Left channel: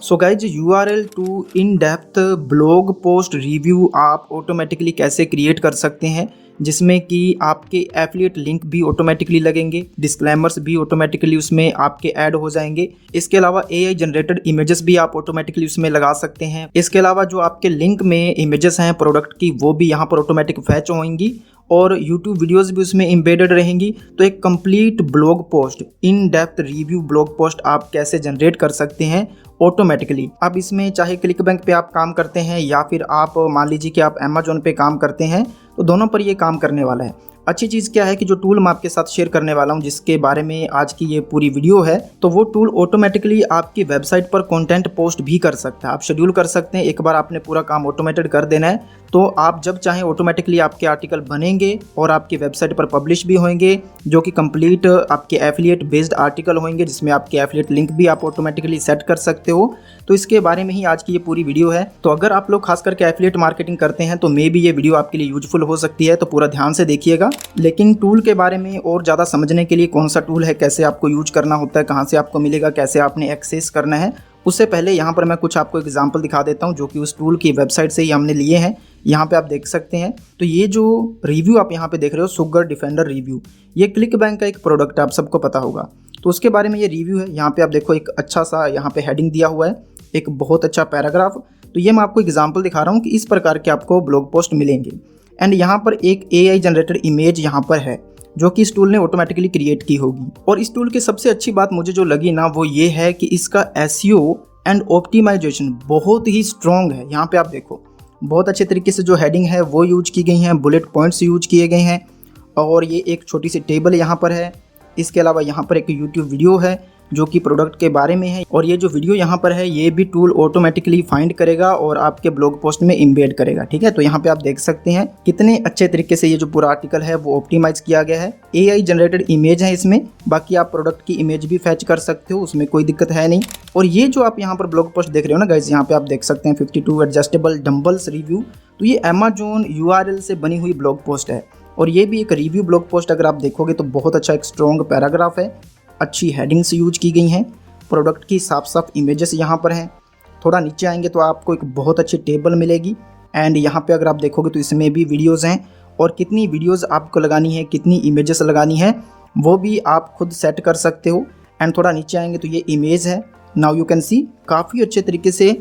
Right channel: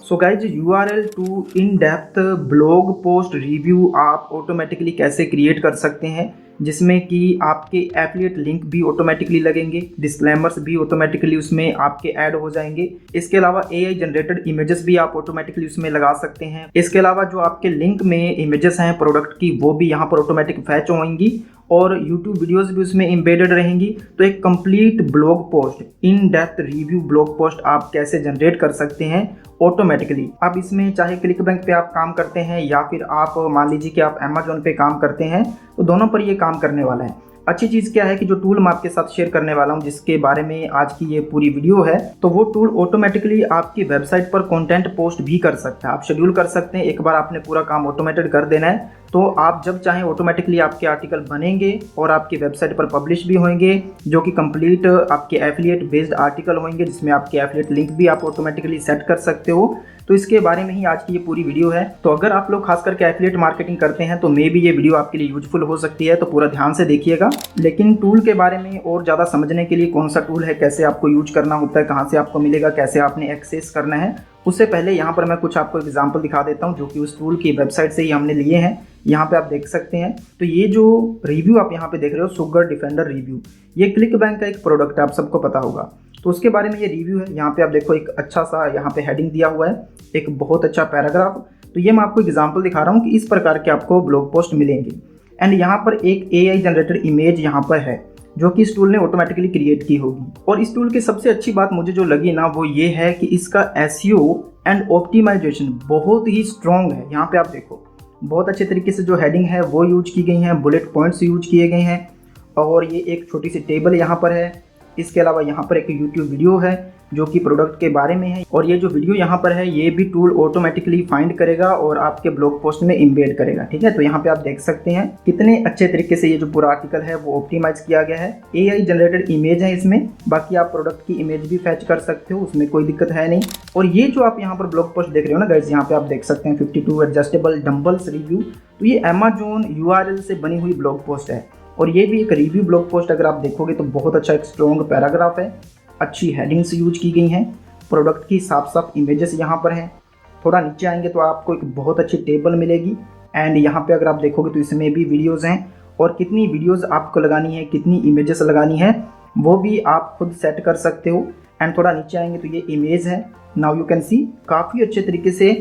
So guys URL to in depth blog post review आप automatically कैसे create कर सकते हैं जिसमें कि आपके एफिलिएट लिंक भी ऑटोमेटिकली लगेंगे, डिस्क्लेमर्स भी ऑटोमेटिकली उसमें आपके ऐड हो जाएंगे। इसके अलावा एआई जनरेटेड इमेजेस भी आप ऑटोमेटिकली उसमें लगा सकते हैं। इसके अलावा जो आपके लिंक में इमेजेस हैं प्रोडक्ट की वो भी यहाँ पर ऑटोमेटिक फैच होंगी और YouTube वीडियोस भी उसमें एम्बेडेड रहेंगी। तो एक complete blog post, in depth review blog post आप कैसे जनरेट कर सकते हैं ऑटोमेटिकली। अब इसमें चाहे क्लिक बैंक पे आप काम करते हैं या फिर आप मान लीजिए कि आप अमेजोन पे काम करते हैं, तो दोनों पर ये काम करने वाला है। अच्छी चीज़ क्या है कि जो टूल मैं आपके साथ शेयर करने वाला हूँ जिसके बारे में आज की ये पूरी वीडियो है, तो वो टूल ऑटोमेटिकली आपकी वेबसाइट पर कंटेंट पोस्ट भी कर सकता है। आप शेड्यूल कर सकते हैं। एक बार आपने पूरा काम ऑटोमेटेड कर देना है तो आप जब चाहें ऑटोमेटिकली आपके आर्टिकल बनेंगे और आपकी वेबसाइट पर पब्लिश भी होंगे, जो कि कंप्लीट आपके एफिलिएट बेस्ड आर्टिकल होंगे जिसमें आपके एफिलिएट लिंक भी आप ऑटोमेटिकली सेट कर सकते हो। तो इसके बारे में ही आज की ये पूरी वीडियो है। तो अगर आप लोग खास करके एफिलिएट मार्केटिंग करते हैं तो मे भी ये वीडियो आपके लिए यूजफुल हो सकती है, तो पूरा ध्यान से देखिएगा। लेकिन टूल के बारे में और ज़्यादा समझने के लिए कौन सा टूल है, कैसे आपको यूज करना होता है, कहाँ से आपको मिलेगा, कैसे आपने एक्सेस करना है, उससे पहले यहाँ पर मैं कुछ आपको एग्जांपल दिखा देता हूँ जो कि उस टूल की वेबसाइट से ही हमने लिए हैं। यहाँ पे आप देख सकते हैं। तो ये जो रिव्यू आप यहाँ पे देख रहे हो, सुगर डिफेंडर रिव्यू, ये क्लिक बैंक का एक प्रोडक्ट है, आप सबको पता होगा। तो उसके बारे में ये रिव्यू है। यहाँ पे आप देखो एक अच्छा सा यहाँ पे हेडिंग दिया हुआ है, एक बहुत अच्छा पैराग्राफ। तो ये मैं आपको एग्जाम्पल दिखा रहा हूँ कि इस प्रकार के आपको ब्लॉग पोस्ट मिलेंगे। एंड यहाँ पर एक AI जनरेटेड इमेज यहाँ पर है जो कि इस टूल ने ऑटोमेटिकली क्रिएट की होगी। और इस टूल की सबसे अच्छी बात मुझे जो लगी ना वो ये है कि इसका SEO एंड ऑप्टिमाइजेशन बहुत ही स्ट्रॉन्ग है। यहाँ पे आप देखो बहुत अच्छे तरीके से जो हेडिंग है वो यूज की गई हैं, बुलेट पॉइंट्स यूज किए गए हैं और ये एक छोटी सी टेबल यहाँ पर है। इसके अलावा यहाँ पर एक YouTube वीडियो है जो कि प्रोडक्ट के बारे में है और ये जो वीडियो यहाँ पर है ये भी टूल ऑटोमेटिकली फाइंड करेगा और आपके ब्लॉग पोस्ट में इम्बेड करेगा। ठीक है, तो यहाँ पे आप देख सकते हैं कितने अच्छे तरीके से ये जो पूरा आर्टिकल है वो ऑप्टिमाइज किया गया है। AI जनरेटेड इमेज है इसमें, बाकी आप प्रोडक्ट की इमेज भी फैच कर सकते हो, उसमें कोई दिक्कत है नहीं। और ये जो आप यहाँ पर ब्लॉग पोस्ट देख रहे हो ना गाइज, यहाँ पे आप देख सकते हैं 52 एडजस्टेबल डंबल्स रिव्यू। तो ये अमेजोन URL से बनी हुई ब्लॉग पोस्ट है और ये भी एक रिव्यू ब्लॉग पोस्ट अगर आप देखोगे तो बहुत अच्छा एक स्ट्रॉन्ग पैराग्राफ है, अच्छी हेडिंग्स यूज की गई हैं, प्रोडक्ट की साफ साफ इमेजेस यहाँ पर हैं। थोड़ा नीचे आएंगे तो आपको एक बहुत अच्छी टेबल मिलेगी एंड यहाँ पे अगर आप देखोगे तो इसमें भी वीडियोस हैं और कितनी वीडियोस आपको लगानी है, कितनी इमेजेस लगानी है वो भी आप खुद सेट कर सकते हो। एंड थोड़ा नीचे आएंगे तो ये इमेज है। नाउ यू कैन सी काफ़ी अच्छे तरीके से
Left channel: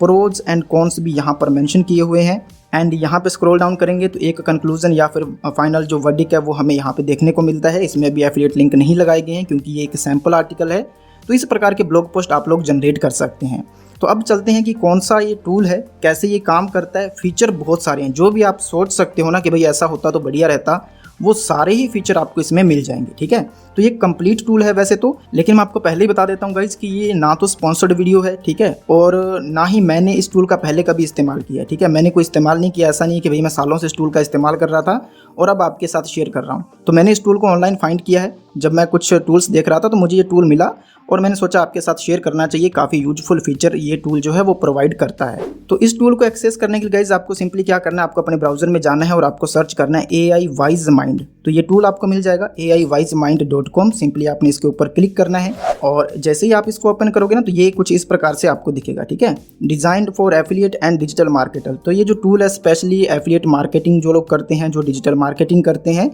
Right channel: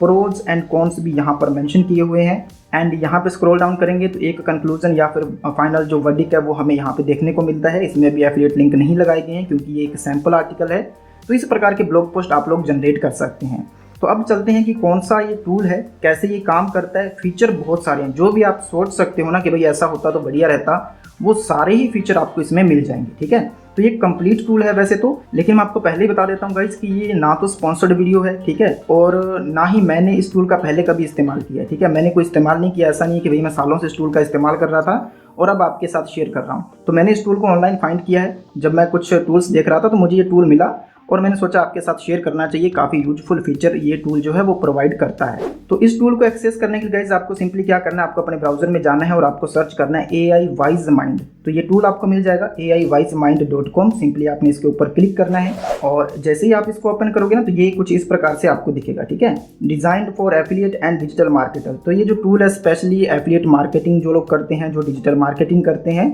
प्रोज एंड कॉन्स भी यहाँ पर मेंशन किए हुए हैं। एंड यहाँ पे स्क्रॉल डाउन करेंगे तो एक कंक्लूजन या फिर फाइनल जो वर्डिक्ट है वो हमें यहाँ पे देखने को मिलता है। इसमें भी एफिलिएट लिंक नहीं लगाए गए हैं क्योंकि ये एक सैम्पल आर्टिकल है। तो इस प्रकार के ब्लॉग पोस्ट आप लोग जनरेट कर सकते हैं। तो अब चलते हैं कि कौन सा ये टूल है, कैसे ये काम करता है। फीचर बहुत सारे हैं, जो भी आप सोच सकते हो ना कि भाई ऐसा होता तो बढ़िया रहता, वो सारे ही फीचर आपको इसमें मिल जाएंगे। ठीक है, तो ये कंप्लीट टूल है वैसे तो, लेकिन मैं आपको पहले ही बता देता हूँ गाइज कि ये ना तो स्पॉन्सर्ड वीडियो है, ठीक है, और ना ही मैंने इस टूल का पहले कभी इस्तेमाल किया है। ठीक है, मैंने कोई इस्तेमाल नहीं किया। ऐसा नहीं है कि भाई मैं सालों से इस टूल का इस्तेमाल कर रहा था और अब आपके साथ शेयर कर रहा हूँ। तो मैंने इस टूल को ऑनलाइन फाइंड किया है। जब मैं कुछ टूल्स देख रहा था तो मुझे ये टूल मिला और मैंने सोचा आपके साथ शेयर करना चाहिए। काफ़ी यूजफुल फीचर ये टूल जो है वो प्रोवाइड करता है। तो इस टूल को एक्सेस करने के लिए गाइज आपको सिंपली क्या करना है, आपको अपने ब्राउजर में जाना है और आपको सर्च करना है AI वाइज माइंड। तो ये टूल आपको मिल जाएगा AIWiseMind.com। सिंपली आपने इसके ऊपर क्लिक करना है और जैसे ही आप इसको ओपन करोगे ना तो ये कुछ इस प्रकार से आपको दिखेगा। ठीक है, designed for affiliate and digital marketer. तो ये जो टूल है स्पेशली एफिलिएट मार्केटिंग जो लोग करते हैं, जो डिजिटल मार्केटिंग करते हैं,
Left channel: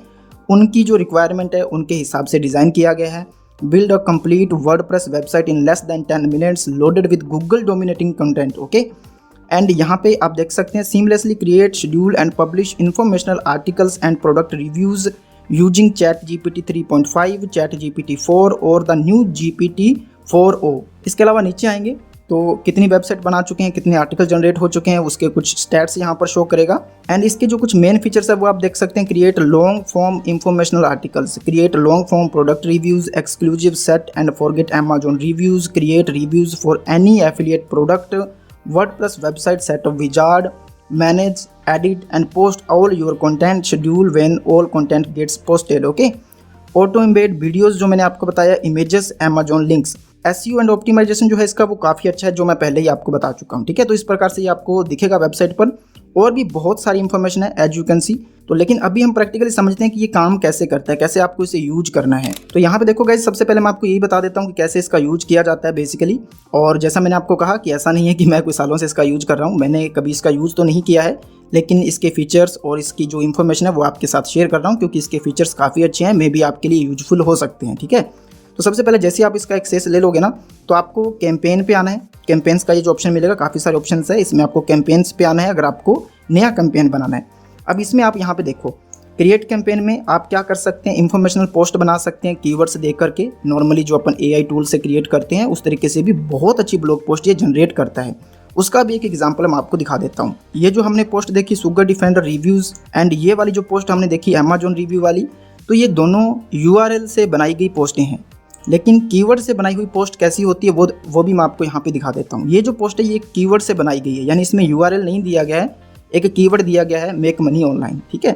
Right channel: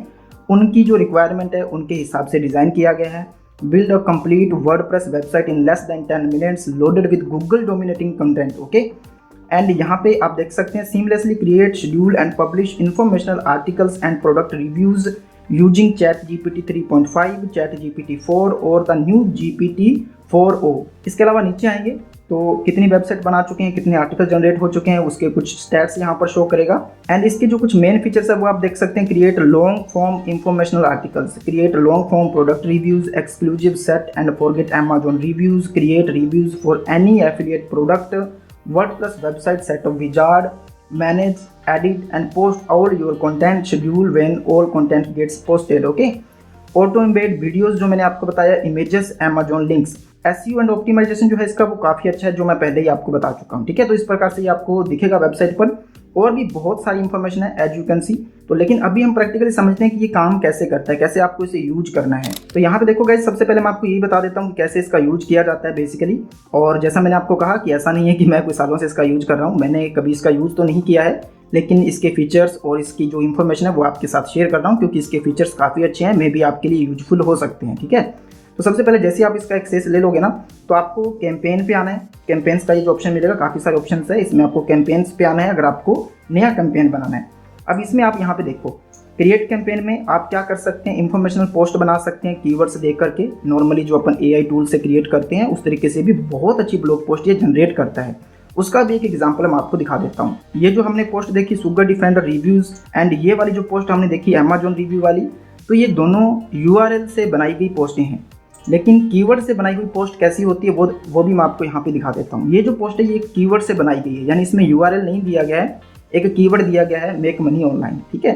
उनकी जो रिक्वायरमेंट है उनके हिसाब से डिज़ाइन किया गया है। Build a complete WordPress website in less than 10 minutes loaded with Google dominating content. Okay, and यहाँ पे आप देख सकते हैं seamlessly create, schedule and publish informational articles and product reviews using ChatGPT 3.5, ChatGPT 4 और the new GPT 4o। इसके अलावा नीचे आएंगे तो कितनी वेबसाइट बना चुके हैं, कितने आर्टिकल जनरेट हो चुके हैं, उसके कुछ स्टैट्स यहाँ पर शो करेगा। एंड इसके जो कुछ मेन फीचर्स है वो आप देख सकते हैं। Create long form informational articles, create long form product reviews, exclusive set and forget Amazon reviews, create reviews for any affiliate product, WordPress website setup wizard, manage, edit and post all your content, schedule when all content gets posted. Okay, auto embed videos जो मैंने आपको बताया, images, Amazon links, SEO and optimization जो है इसका वो काफ़ी अच्छा है, जो मैं पहले ही आपको बता चुका हूँ। ठीक है, तो इस प्रकार से ये आपको दिखेगा वेबसाइट पर और भी बहुत सारी इन्फॉर्मेशन है एज यू कैन सी। तो लेकिन अभी हम प्रैक्टिकली समझते हैं कि ये काम कैसे करता है, कैसे आपको इसे यूज करना है। तो यहाँ पे देखो गाइस, सबसे पहले मैं आपको यही बता देता हूँ कि कैसे इसका यूज किया जाता है बेसिकली। और जैसा मैंने आपको कहा कि ऐसा नहीं है कि मैं कुछ सालों से इसका यूज कर रहा हूँ, मैंने कभी इसका यूज तो नहीं किया है, लेकिन इसके फीचर्स और इसकी जो इन्फॉर्मेशन है वो आपके साथ शेयर कर रहा हूँ, क्योंकि इसके फीचर्स काफ़ी अच्छे हैं, मे बी आपके लिए यूजफुल हो सकते हैं। ठीक है, तो सबसे पहले जैसे आप इसका एक्सेस ले लोगे ना, तो आपको कैंपेन पे आना है। कैंपेन्स का ये जो ऑप्शन मिलेगा, काफ़ी सारे ऑप्शन है इसमें, आपको कैंपेन्स पे आना है अगर आपको नया कैंपेन बनाना है। अब इसमें आप यहाँ पे देखो, क्रिएट कैंपेन में आप क्या कर सकते हैं, इंफॉर्मेशनल पोस्ट बना सकते हैं कीवर्ड्स दे करके। नॉर्मली जो अपन AI टूल से क्रिएट करते हैं उस तरीके से भी बहुत अच्छी ब्लॉग पोस्ट ये जनरेट करता है। उसका भी एक एग्जांपल मैं आपको दिखा देता हूँ। ये जो हमने पोस्ट देखी सुगर डिफेंडर रिव्यूज़, एंड ये वाली जो पोस्ट हमने देखी अमेजोन रिव्यू वाली, तो ये दोनों URL से बनाई गई पोस्टें हैं। लेकिन कीवर्ड से बनाई हुई पोस्ट कैसी होती है वो भी मैं आपको यहाँ पे दिखा देता हूँ। ये जो पोस्ट है ये कीवर्ड से बनाई गई है, यानी इसमें URL नहीं दिया गया है, एक कीवर्ड दिया गया है मेक मनी ऑनलाइन। ठीक है,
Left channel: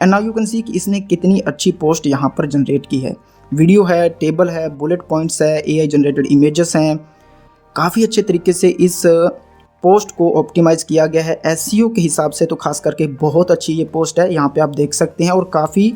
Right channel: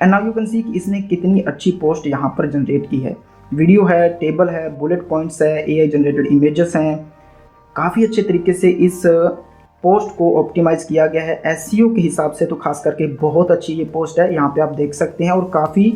and now you can see कि इसने कितनी अच्छी पोस्ट यहाँ पर जनरेट की है। वीडियो है, टेबल है, बुलेट पॉइंट्स है, AI जनरेटेड इमेजेस हैं। काफ़ी अच्छे तरीके से इस पोस्ट को ऑप्टिमाइज़ किया गया है SEO के हिसाब से, तो खास करके बहुत अच्छी ये पोस्ट है, यहाँ पे आप देख सकते हैं। और काफ़ी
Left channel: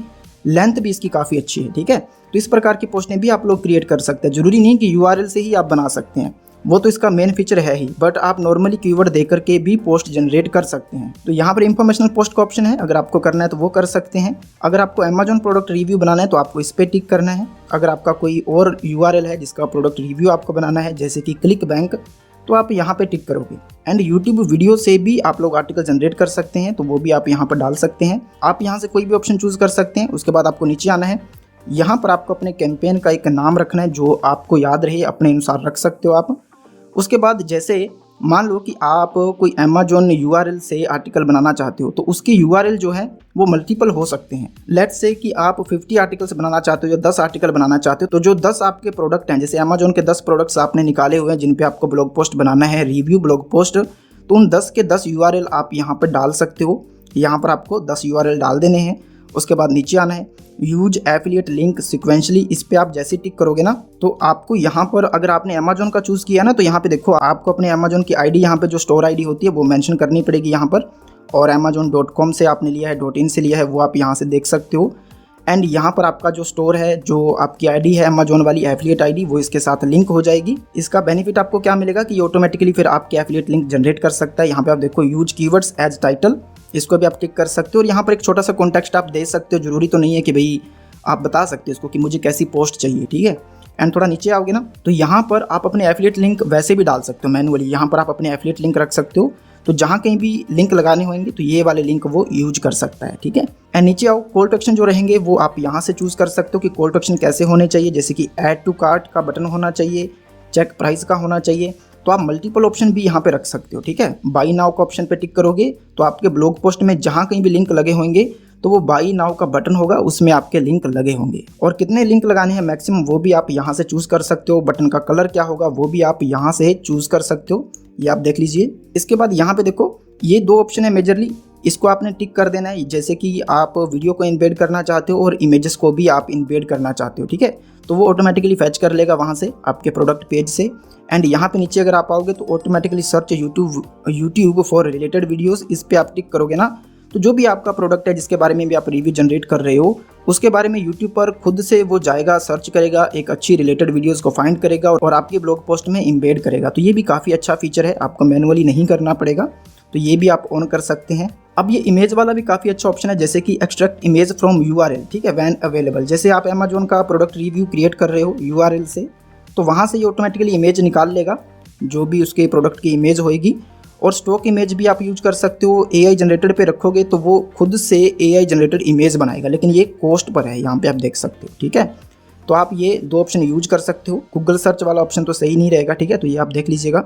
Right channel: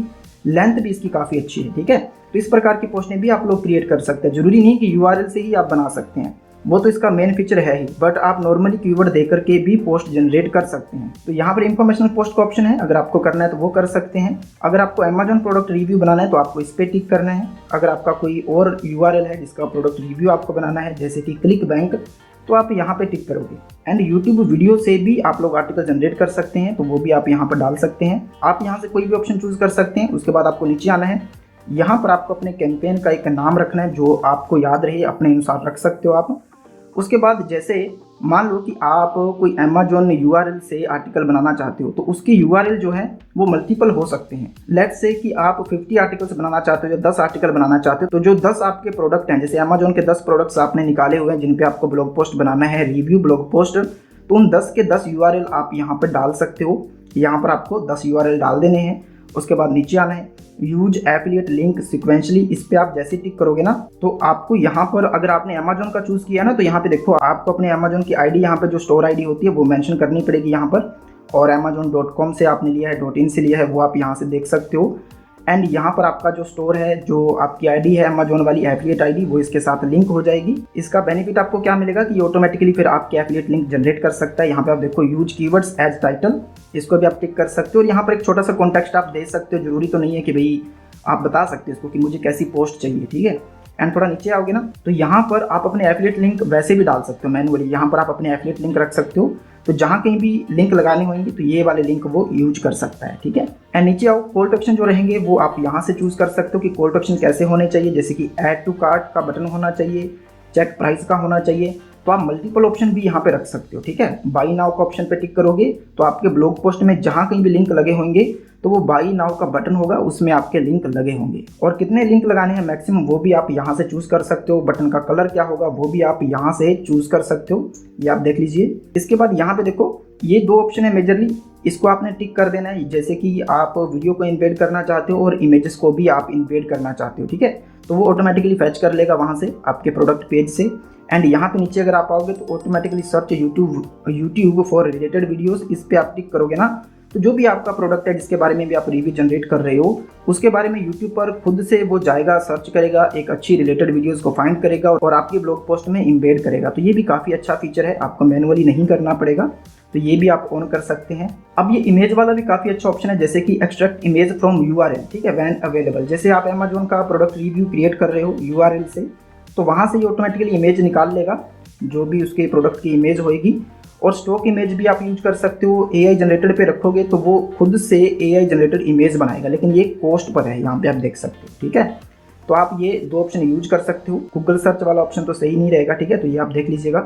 लेंथ भी इसकी काफ़ी अच्छी है। ठीक है, तो इस प्रकार की पोस्टें भी आप लोग क्रिएट कर सकते हैं, जरूरी नहीं कि URL से ही आप बना सकते हैं, वो तो इसका मेन फीचर है ही, बट आप नॉर्मली कीवर्ड देकर के भी पोस्ट जनरेट कर सकते हैं। तो यहाँ पर इंफॉर्मेशनल पोस्ट का ऑप्शन है, अगर आपको करना है तो वो कर सकते हैं। अगर आपको अमेजोन प्रोडक्ट रिव्यू बनाना है तो आपको इस पर टिक करना है। अगर आपका कोई और URL है जिसका प्रोडक्ट रिव्यू आपको बनाना है, जैसे कि क्लिक बैंक, तो आप यहाँ पे टिक करोगे। एंड यूट्यूब वीडियो से भी आप लोग आर्टिकल जनरेट कर सकते हैं, तो वो भी आप यहाँ पर डाल सकते हैं। आप यहाँ से कोई भी ऑप्शन चूज कर सकते हैं। उसके बाद आपको नीचे आना है, यहाँ पर आपको अपने कैंपेन का एक नाम रखना है जो आपको याद रहे, अपने अनुसार रख सकते हो आप। उसके बाद जैसे मान लो कि आप कोई अमेजोन URL से आर्टिकल बनाना चाहते हो, तो उसकी URL जो है वो मल्टीपल हो सकते हैं। लेट्स से कि आप 50 आर्टिकल्स बनाना चाहते हो या 10 आर्टिकल बनाना चाहते हो, तो जो 10 आपके प्रोडक्ट हैं, जैसे अमेजोन के 10 प्रोडक्ट्स आपने निकाले हुए हैं जिन पे आपको ब्लॉग पोस्ट बनाना है, रिव्यू ब्लॉग पोस्ट, तो उन 10 के 10 URL आप यहाँ पर डाल सकते हो। यहाँ पर आपको 10 URL डाल देने हैं। उसके बाद नीचे आना है, यूज एफिलिएट लिंक सिक्वेंशली, इस पे आप जैसे टिक करोगे ना, तो आपको यहाँ पर अगर आपने अमेजोन का चूज किया ना, तो यहाँ पे देखो आपको अपने अमेजोन की आईडी, यहाँ पे जो स्टोर आईडी होती है वो मेंशन करनी पड़ेगी यहाँ पर। और amazon.com से आपने लिया है, .in से लिया है, वो आप यहाँ से देख सकते हो। एंड यहाँ पर आपका जो स्टोर है, जो आपकी आईडी है अमेजोन वाली एफिलिएट आईडी, वो इसके साथ लिंक हो जाएगी। इसका बेनिफिट आपको क्या मिलेगा कि ये ऑटोमेटिकली फिर आपके एफिलिएट लिंक जनरेट कर सकता है। यहाँ पे आप देखो यूज कीवर्ड्स एज टाइटल, इसको भी आप टिक कर सकते हो। और यहाँ पर एक छोटा सा कॉन्टेक्स्ट आप दे सकते हो, जरूरी तो नहीं है कि भाई आप बता सकते हो इसको कि मुझे कैसी पोस्ट चाहिए। ठीक है, एंड थोड़ा नीचे आओगे ना, तो यहाँ पर आप अपने एफिलिएट लिंक वैसे भी डाल सकते हो मैनुअली। यहाँ पर आप अपने एफिलिएट लिंक रख सकते हो, तो जहाँ कहीं भी लिंक लगाने होंगे तो ये वाले लिंक वो यूज कर सकता है। ठीक है, एंड नीचे आओ, कॉल टू एक्शन जो रहेंगे वो आप यहाँ से चूज कर सकते हो कि कॉल टू एक्शन कैसे होने चाहिए, जैसे कि ऐड टू कार्ट का बटन होना चाहिए, चेक प्राइस का होना चाहिए। तो आप मल्टीपल ऑप्शन भी यहाँ पे रख सकते हो। ठीक है, बाई नाउ का ऑप्शन पे टिक करोगे तो आपके ब्लॉग पोस्ट में जहाँ कहीं भी लिंक लगे होंगे तो वो बाई नाउ का बटन होगा, उसमें आपके लिंक लगे होंगे। और कितने लिंक लगाने हैं मैक्सिमम वो भी आप यहाँ से चूज कर सकते हो। बटन का कलर क्या होगा वो भी आप यहाँ से चूज कर सकते हो, ये आप देख लीजिए। इसके बाद यहाँ पे देखो ये 2 ऑप्शन है मेजरली, इसको आपने टिक कर देना है। जैसे कि आप वीडियो को इम्बेड करना चाहते हो और इमेजेस को भी आप इम्बेड करना चाहते हो। ठीक है, तो वो ऑटोमेटिकली फैच कर लेगा वहाँ से आपके प्रोडक्ट पेज से। एंड यहाँ पे नीचे अगर आप आओगे तो automatically search YouTube for related videos, इस पे आप टिक करोगे ना, तो जो भी आपका प्रोडक्ट है जिसके बारे में भी आप रिव्यू जनरेट कर रहे हो उसके बारे में यूट्यूब पर खुद से वो जाएगा, सर्च करेगा, एक अच्छी रिलेटेड वीडियोस को फाइंड करेगा और आपकी ब्लॉग पोस्ट में इम्बेड करेगा। तो ये भी काफ़ी अच्छा फीचर है, आपको मैनुअली नहीं करना पड़ेगा, तो ये भी आप ऑन कर सकते हैं। अब ये इमेज वाला भी काफ़ी अच्छा ऑप्शन है, जैसे कि एक्सट्रैक्ट इमेज फ्रॉम URL। ठीक है, व्हेन अवेलेबल, जैसे आप अमेजोन का प्रोडक्ट रिव्यू क्रिएट कर रहे हो URL से, तो वहाँ से ये ऑटोमेटिकली इमेज निकाल लेगा, जो भी उसके प्रोडक्ट की इमेज होएगी। और स्टॉक इमेज भी आप यूज कर सकते हो, AI जनरेटेड पे रखोगे तो वो खुद से AI जनरेटेड इमेज बनाएगा, लेकिन ये कॉस्ट पर है, यहाँ पे आप देख सकते हो। ठीक है, तो आप ये 2 ऑप्शन यूज कर सकते हो। गूगल सर्च वाला ऑप्शन तो सही नहीं रहेगा। ठीक है, तो ये आप देख लीजिएगा।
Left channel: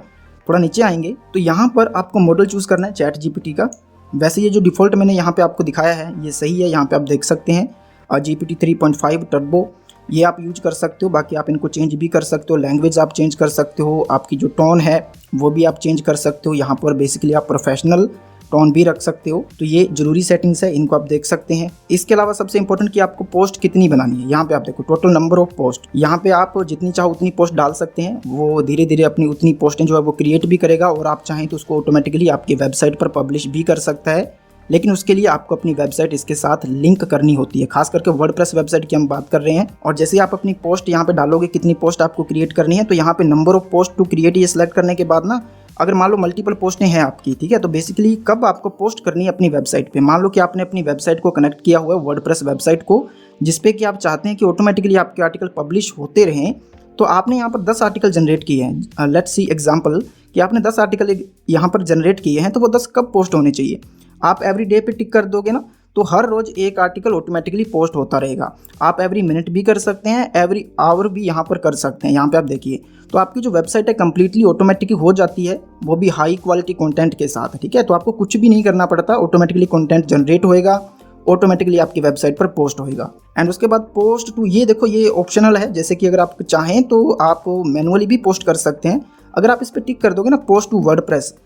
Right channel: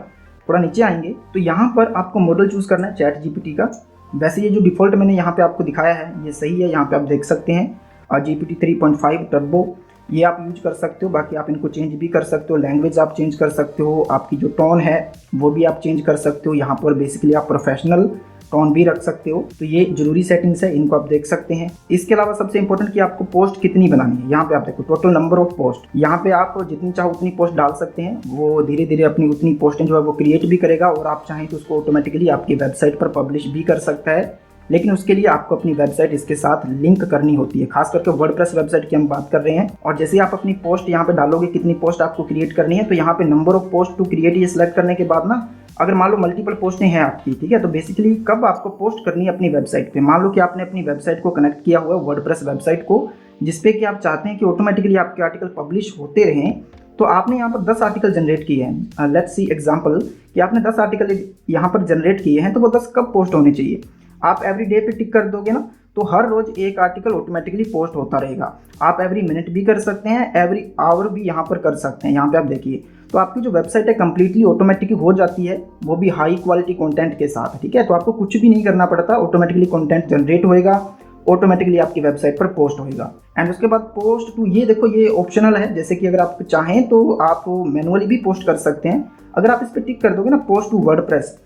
थोड़ा नीचे आएंगे तो यहाँ पर आपको मॉडल चूज करना है ChatGPT का। वैसे ये जो डिफ़ॉल्ट मैंने यहाँ पे आपको दिखाया है ये सही है, यहाँ पे आप देख सकते हैं GPT 3.5 टर्बो, ये आप यूज कर सकते हो। बाकी आप इनको चेंज भी कर सकते हो, लैंग्वेज आप चेंज कर सकते हो, आपकी जो टोन है वो भी आप चेंज कर सकते हो। यहाँ पर बेसिकली आप प्रोफेशनल टोन भी रख सकते हो। तो ये जरूरी सेटिंग्स है, इनको आप देख सकते हैं। इसके अलावा सबसे इंपॉर्टेंट कि आपको पोस्ट कितनी बनानी है। यहाँ पे आप देखो टोटल नंबर ऑफ पोस्ट, यहाँ पे आप जितनी चाहो उतनी पोस्ट डाल सकते हैं। वो धीरे धीरे अपनी उतनी पोस्टें जो है वो क्रिएट भी करेगा और आप चाहें तो उसको ऑटोमेटिकली आपकी वेबसाइट पर पब्लिश भी कर सकता है। लेकिन उसके लिए आपको अपनी वेबसाइट इसके साथ लिंक करनी होती है, खास करके वर्डप्रेस वेबसाइट की हम बात कर रहे हैं। और जैसे आप अपनी पोस्ट यहाँ पे डालोगे कितनी पोस्ट आपको क्रिएट करनी है, तो यहाँ पे number of post to create ये सिलेक्ट करने के बाद ना, अगर मान लो मल्टीपल पोस्टें हैं आपकी, ठीक है, तो बेसिकली कब आपको पोस्ट करनी है अपनी वेबसाइट पे। मान लो कि आपने अपनी वेबसाइट को कनेक्ट किया हुआ है वर्डप्रेस वेबसाइट को, जिसपे कि आप चाहते हैं कि ऑटोमेटिकली आपके आर्टिकल पब्लिश होते रहें। तो आपने यहाँ पर 10 आर्टिकल जनरेट किए हैं। लेट्स सी एग्जांपल कि आपने 10 आर्टिकल यहाँ पर जनरेट किए हैं, तो वो 10 कब पोस्ट होने चाहिए। आप एवरी डे पे टिक कर दोगे ना, तो हर रोज एक आर्टिकल ऑटोमेटिकली पोस्ट होता रहेगा। आप एवरी मिनट भी कर सकते हैं, एवरी आवर भी यहाँ पर कर सकते हैं। यहाँ पे आप देखिए, तो आपकी जो वेबसाइट है कंप्लीटली ऑटोमेटिकली हो जाती है, वो भी हाई क्वालिटी कंटेंट के साथ, ठीक है। तो आपको कुछ भी नहीं करना पड़ता, ऑटोमेटिकली कंटेंट जनरेट होएगा, ऑटोमेटिकली आपकी वेबसाइट पर पोस्ट होएगा। एंड उसके बाद पोस्ट टू, ये देखो ये ऑप्शनल है। जैसे कि अगर आप चाहें तो आप मैनुअली भी पोस्ट कर सकते हैं। अगर आप इस पर टिक कर दोगे ना पोस्ट टू वर्डप्रेस,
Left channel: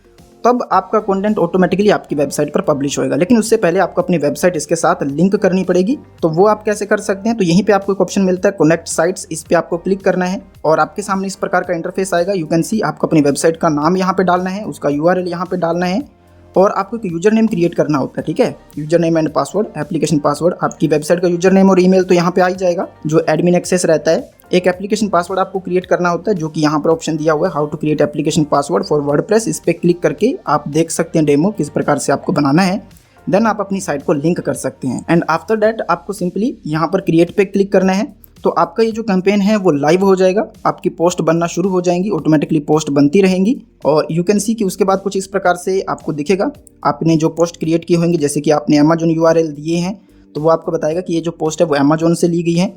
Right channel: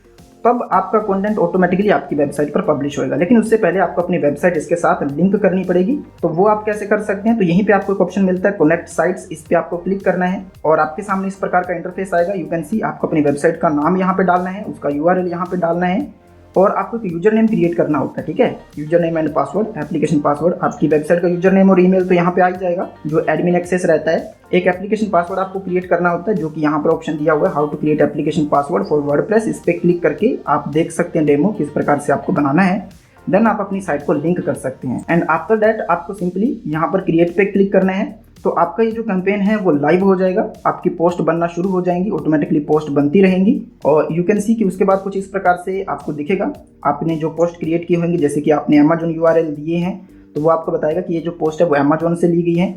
तब आपका कंटेंट ऑटोमेटिकली आपकी वेबसाइट पर पब्लिश होएगा। लेकिन उससे पहले आपको अपनी वेबसाइट इसके साथ लिंक करनी पड़ेगी। तो वो आप कैसे कर सकते हैं, तो यहीं पे आपको एक ऑप्शन मिलता है कनेक्ट साइट्स, इस पे आपको क्लिक करना है और आपके सामने इस प्रकार का इंटरफेस आएगा। यू कैन सी, आपको अपनी वेबसाइट का नाम यहाँ पे डालना है, उसका URL यहाँ पे डालना है और आपको एक यूजर नेम क्रिएट करना होता है, ठीक है। User name and password, application password, आपकी वेबसाइट का यूजर नेम और ईमेल तो यहाँ पे आ ही जाएगा जो एडमिन एक्सेस रहता है। एक एप्लीकेशन पासवर्ड आपको क्रिएट करना होता है, जो कि यहाँ पर ऑप्शन दिया हुआ है how to create application password for WordPress. इस पर क्लिक करके आप देख सकते हैं डेमो किस प्रकार से आपको बनाना है। देन आप अपनी साइट को लिंक कर सकते हैं एंड आफ्टर दैट आपको सिंपली यहाँ पर क्रिएट पे क्लिक करना है। तो आपका ये जो कैंपेन है वो लाइव हो जाएगा, आपकी पोस्ट बनना शुरू हो जाएंगी, ऑटोमेटिकली पोस्ट बनती रहेंगी और यू कैन सी कि उसके बाद कुछ इस प्रकार से आपको दिखेगा। आपने जो पोस्ट क्रिएट की होंगी, जैसे कि आपने अमेजोन URL दिए हैं, तो वो आपको बताएगा कि ये जो पोस्ट है वो अमेजोन से ली गई है,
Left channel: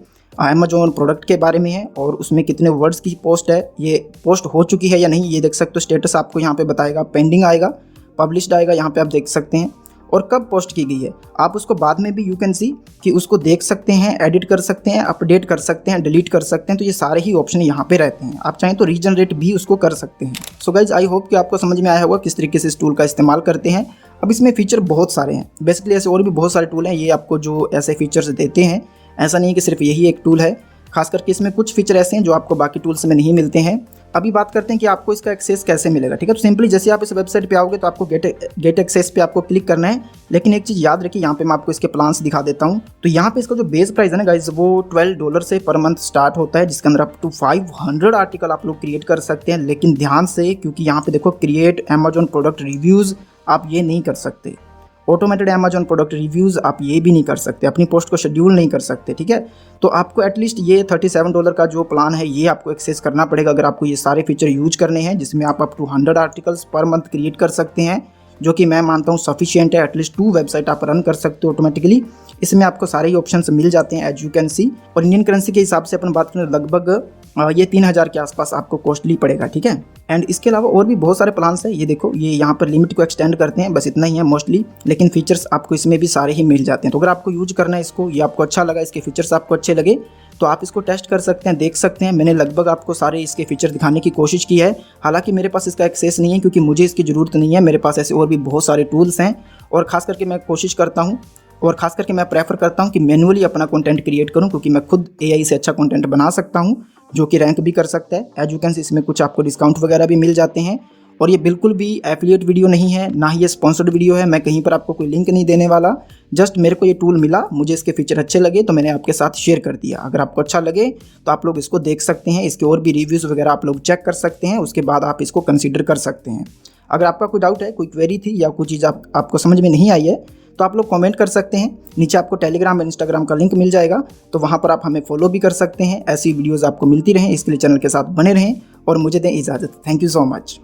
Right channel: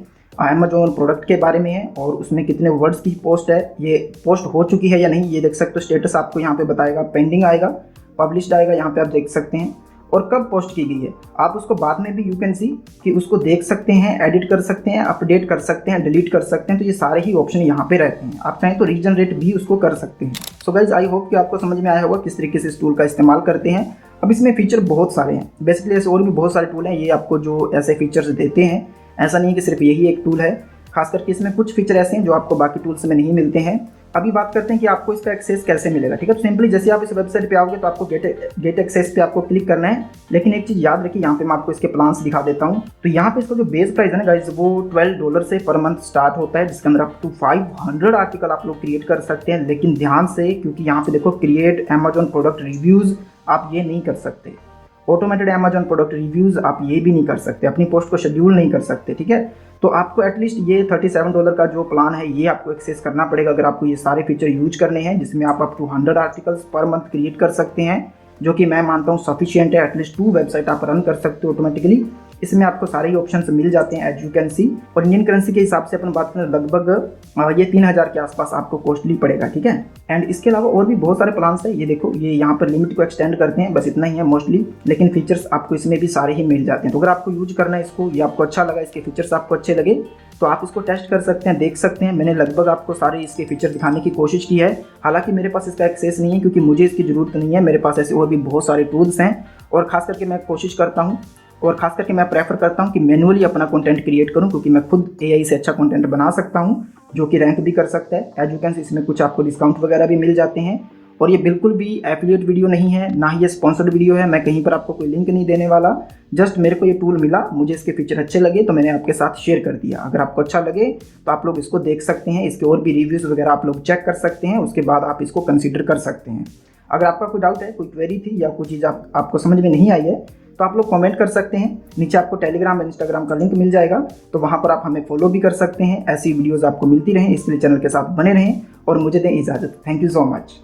अमेजोन प्रोडक्ट के बारे में है और उसमें कितने वर्ड्स की पोस्ट है, ये पोस्ट हो चुकी है या नहीं ये देख सकते हो। स्टेटस आपको यहाँ पे बताएगा, पेंडिंग आएगा, पब्लिश्ड आएगा, यहाँ पे आप देख सकते हैं और कब पोस्ट की गई है। आप उसको बाद में भी यू कैन सी कि उसको देख सकते हैं, एडिट कर सकते हैं, अपडेट कर सकते हैं, डिलीट कर सकते हैं। तो ये सारे ही ऑप्शन यहाँ पे रहते हैं। आप चाहें तो रीजनरेट भी उसको कर सकते हैं। सो गाइज आई होप कि आपको समझ में आया होगा किस तरीके से इस टूल का इस्तेमाल करते हैं। अब इसमें फीचर बहुत सारे हैं, बेसिकली ऐसे और भी बहुत सारे टूल हैं, ये आपको जो ऐसे फीचर्स देते हैं। ऐसा नहीं है कि सिर्फ यही एक टूल है, खास करके इसमें कुछ फीचर ऐसे हैं जो आपको बाकी टूल्स में नहीं मिलते हैं। अभी बात करते हैं कि आपको इसका एक्सेस कैसे मिलेगा, ठीक है। तो सिंपली जैसे आप इस वेबसाइट पे आओगे तो आपको गेट एक्सेस पे आपको क्लिक करना है। लेकिन एक चीज़ याद रखिए, यहाँ पे मैं आपको इसके प्लान्स दिखा देता हूँ। तो यहाँ पे इसका जो बेस प्राइस है ना गाइज, वो $12 से पर मंथ स्टार्ट होता है, जिसके अंदर अप टू 500 आर्टिकल आप लोग क्रिएट कर सकते हैं। लेकिन ध्यान से, क्योंकि यहाँ पे देखो क्रिएट अमेजोन प्रोडक्ट रिव्यूज़ आप ये नहीं कर सकते, ऑटोमेटेड अमेजोन प्रोडक्ट रिव्यूज़ आप ये भी नहीं कर सकते, अपनी पोस्ट को शेड्यूल नहीं कर सकते, ठीक है। तो आपको एटलीस्ट ये $37 का जो प्लान है ये आपको एक्सेस करना पड़ेगा अगर आपको ये सारे फीचर यूज करने हैं, जिसमें आप up to 100 articles per month create कर सकते हैं, जो कि मैं मानता हूँ सफिशिएंट है। एटलीस्ट 2 वेबसाइट आप रन कर सकते हो ऑटोमेटिकली। इसमें आपको सारे ही ऑप्शंस मिल जाते हैं एज यू कैन सी। और इंडियन करेंसी के हिसाब से अपन बात करें लगभग ये 3000 के आसपास आपको कॉस्टली पड़ेगा, ठीक है। एंड इसके अलावा और भी बहुत सारे प्लान्स हैं। ये देखो, ये यहाँ पर लिमिट को एक्सटेंड करते हैं, बस इतना ही है मोस्टली, लेकिन फीचर्स आपको इसमें भी सारे ही मिल जाते हैं। तो अगर आपको यूज करना है इसको, ये आपको अच्छा लगा, इसके फीचर्स आपको अच्छे लगे, तो आप इसको टेस्ट कर सकते हैं, देख सकते हैं। मैंने लगभग आपको सारे इसके फीचर दिखाने की कोशिश की है। हालांकि मेरे पास इसका एक्सेस नहीं है, क्योंकि मुझे इसकी ज़रूरत नहीं है। मेरे पास ऐसे और भी बहुत सारे टूल्स हैं और ख़ास करके मैं कोशिश करता हूँ और ख़ास करके मैं प्रेफर करता हूँ कि मैनुअली अपना कंटेंट क्रिएट करूँ, क्योंकि मैं खुद AI से अच्छा कंटेंट बना सकता हूँ जो कि रैंक भी कर सकता है। एज यू कैन सी, इसमें कुछ आपको डिस्काउंट वगैरह भी मिल जाते हैं। और ये बिल्कुल भी एफिलिएट वीडियो नहीं है, ना ही ये स्पॉन्सर्ड वीडियो है। मैं कहीं पर आपको कोई लिंक नहीं देने वाला। जस्ट मेरे को ये टूल मिला, मुझे इसके फीचर अच्छे लगे तो मैंने आपके साथ शेयर कर दिया। अगर आपको अच्छा लगे तो आप लोग इसको देख सकते हैं, इसके और भी रिव्यूज़ वगैरह आप लोग चेक कर सकते हैं, उसके बाद आप इसको कंसिडर कर सकते हैं। अगर आपका कोई डाउट है, कोई क्वेरी थी या कोई चीज़ आपको समझ में नहीं आई है, तो आप लोग कमेंट कर सकते हैं। नीचे आपको टेलीग्राम और इंस्टाग्राम का लिंक मिल जाएगा, तो वहाँ पर आप हमें फॉलो भी कर सकते हैं। ऐसी वीडियोज़ आपको मिलती रहें, इसके लिए चैनल के साथ बने रहें और मुझे दें इजाज़त। Thank you so much.